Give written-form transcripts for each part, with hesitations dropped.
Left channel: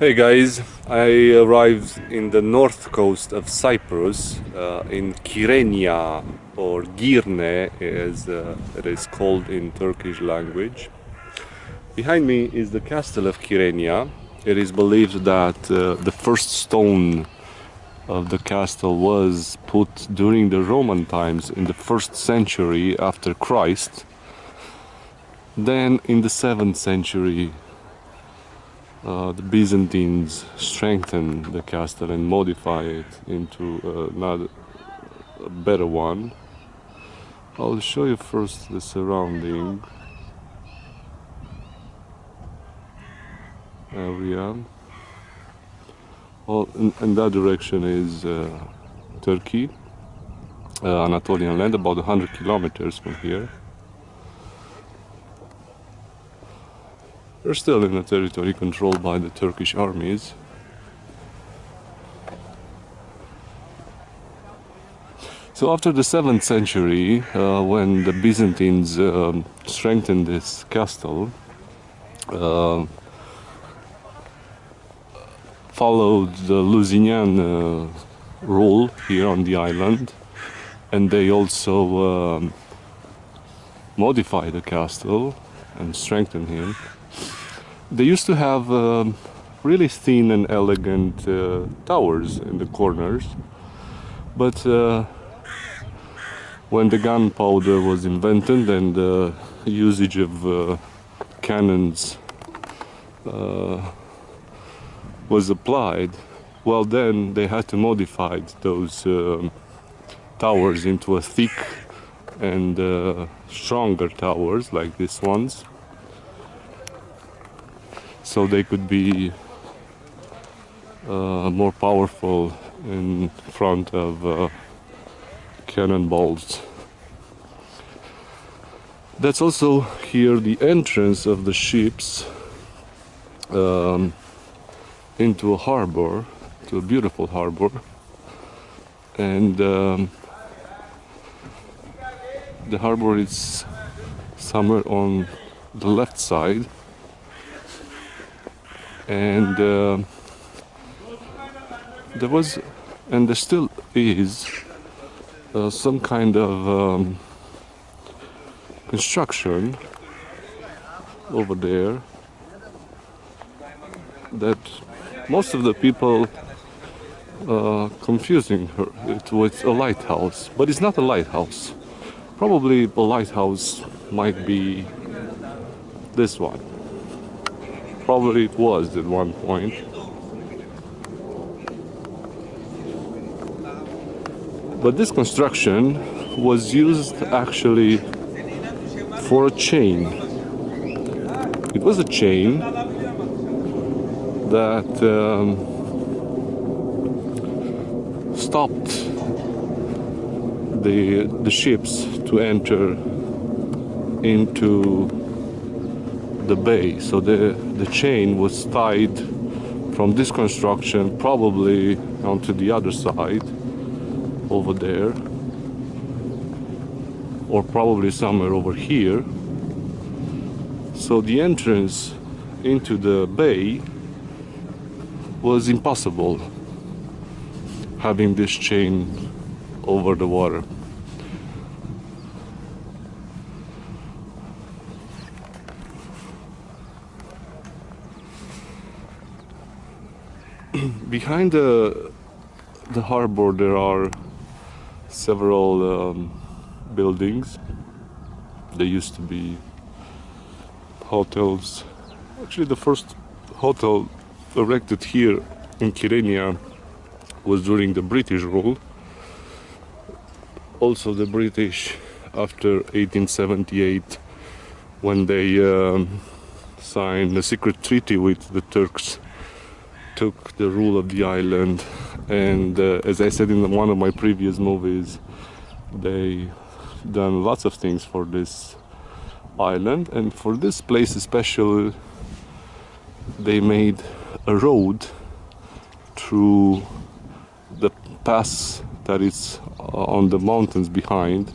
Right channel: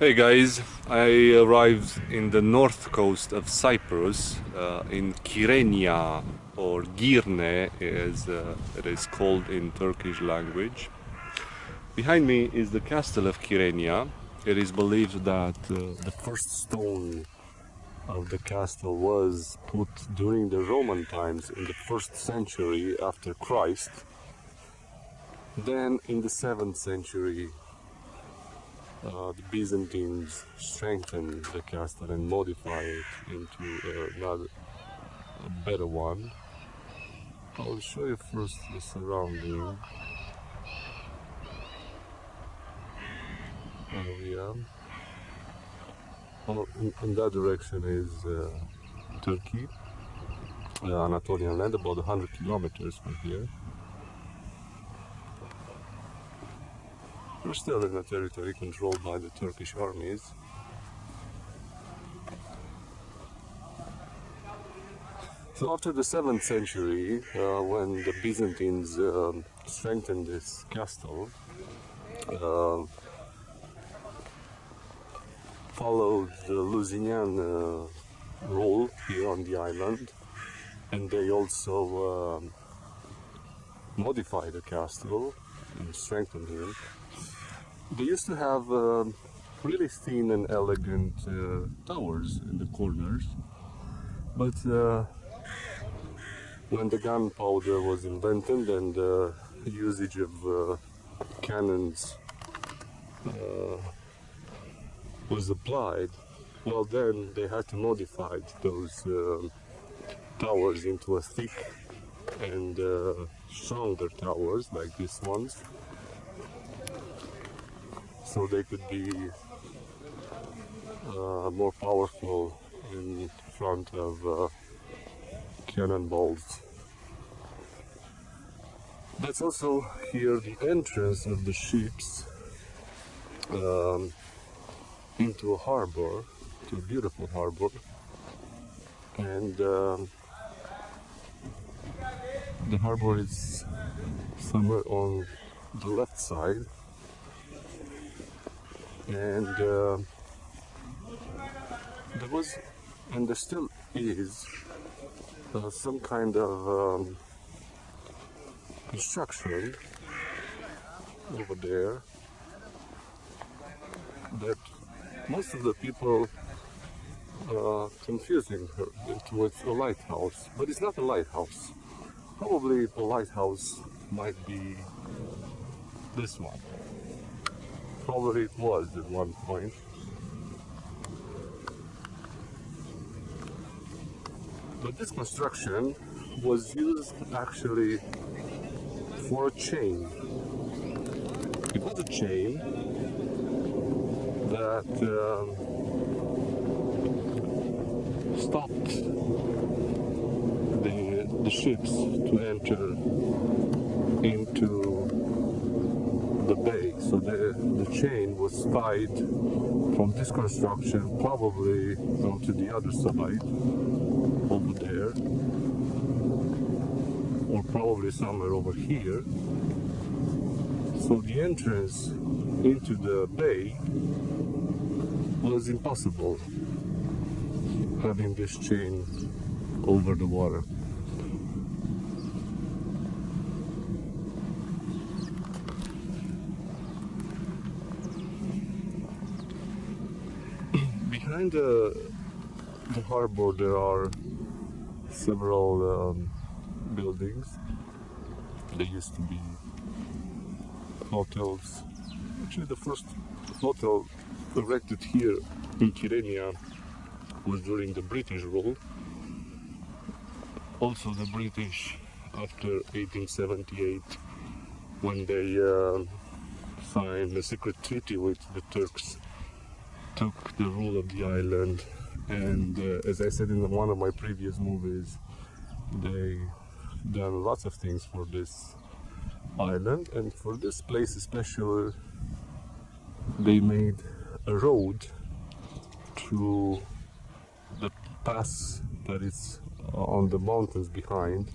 Hey guys, I arrived in the north coast of Cyprus, in Kyrenia, or Girne as it is called in Turkish language. Behind me is the castle of Kyrenia. It is believed that the first stone of the castle was put during the Roman times in the 1st century after Christ. Then in the 7th century the Byzantines strengthened the castle and modified it into a better one. I'll show you first the surrounding area. In that direction is Turkey, Anatolian land, about 100 kilometers from here. We're still in a territory controlled by the Turkish armies. So after the 7th century, when the Byzantines strengthened this castle, followed the Lusignan rule here on the island, and they also modified the castle and strengthened him. They used to have really thin and elegant towers in the corners, but when the gunpowder was invented and the usage of cannons was applied, well, then they had to modify those towers into a thick and stronger towers like these ones, so they could be more powerful in front of cannonballs. That's also here the entrance of the ships into a harbor, to a beautiful harbor, and the harbor is somewhere on the left side, and there was, and there still is, some kind of construction over there that most of the people confusing it with a lighthouse, but it's not a lighthouse. Probably a lighthouse might be this one. Probably it was at one point. But this construction was used actually for a chain. It was a chain that stopped the ships to enter into the bay. So the chain was tied from this construction probably onto the other side over there, or probably somewhere over here. So the entrance into the bay was impossible having this chain over the water. Behind the harbor there are several buildings. There used to be hotels. Actually, the first hotel erected here in Kyrenia was during the British rule. Also the British, after 1878, when they signed a secret treaty with the Turks, took the rule of the island, and as I said in one of my previous movies, they done lots of things for this island, and for this place especially they made a road through the pass that is on the mountains behind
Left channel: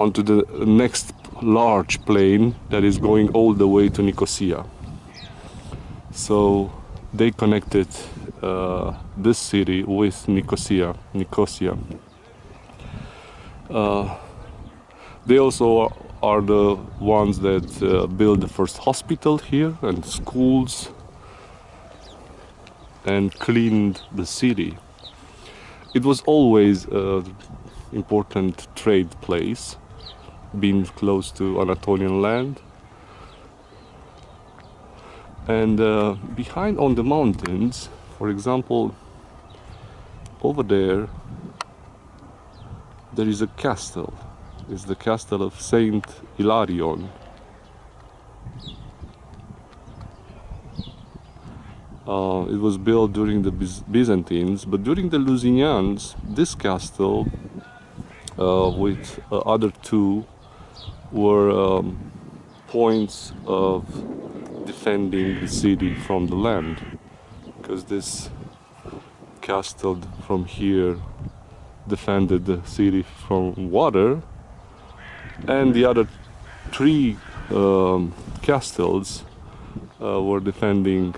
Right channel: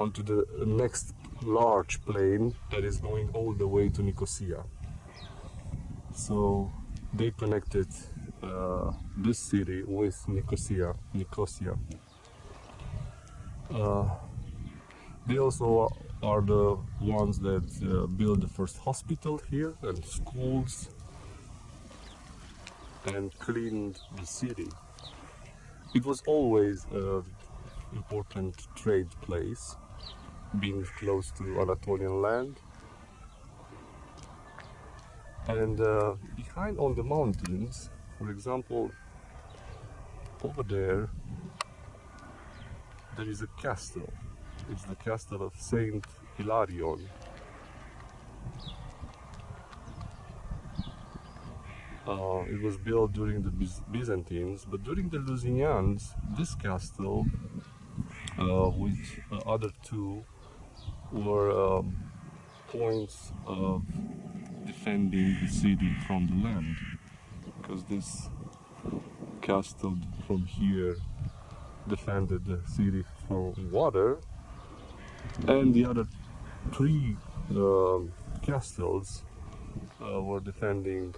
onto the next large plain that is going all the way to Nicosia. So they connected this city with Nicosia. They also are the ones that built the first hospital here and schools and cleaned the city. It was always an important trade place, being close to Anatolian land. And behind on the mountains, for example, over there is a castle. It's the castle of Saint Hilarion. It was built during the Byzantines, but during the Lusignans, this castle with other two were points of defending the city from the land, because this castle from here defended the city from water, and the other three castles were defending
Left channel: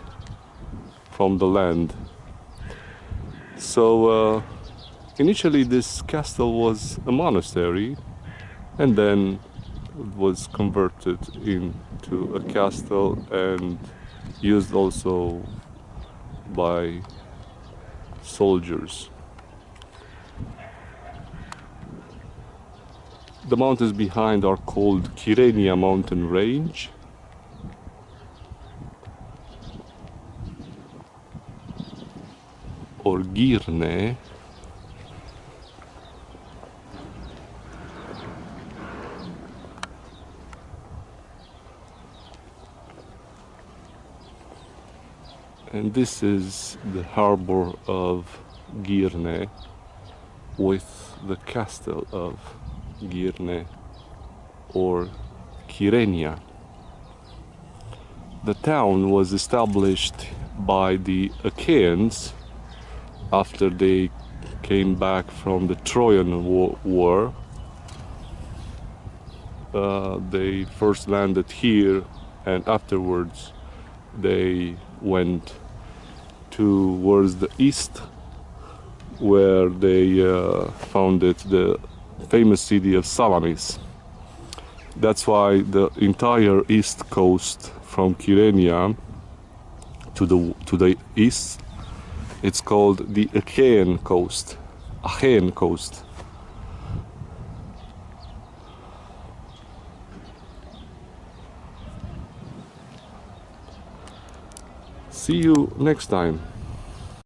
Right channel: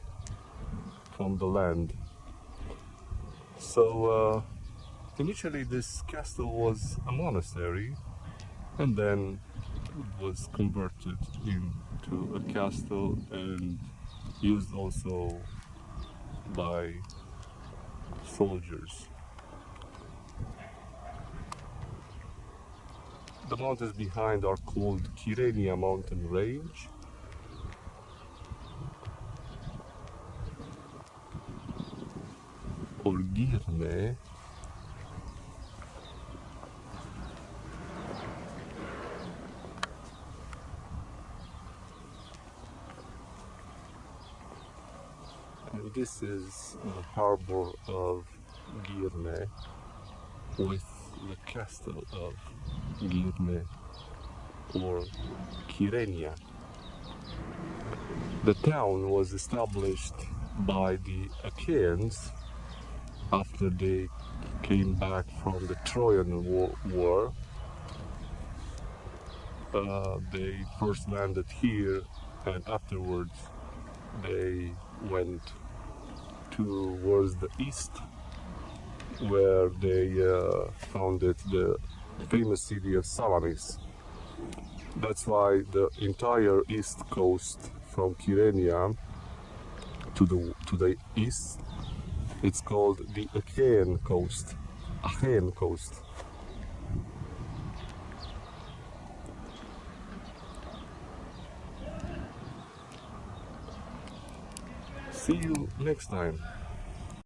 from the land. So initially this castle was a monastery, and then it was converted into a castle and used also by soldiers. The mountains behind are called Kyrenia mountain range. Or Girne. And this is the harbour of Girne with the castle of Girne or Kyrenia. The town was established by the Achaeans after they came back from the Trojan War. They first landed here, and afterwards they went towards the east, where they founded the famous city of Salamis. That's why the entire east coast from Kyrenia to the east, it's called the Achaean coast. Achaean coast. See you next time.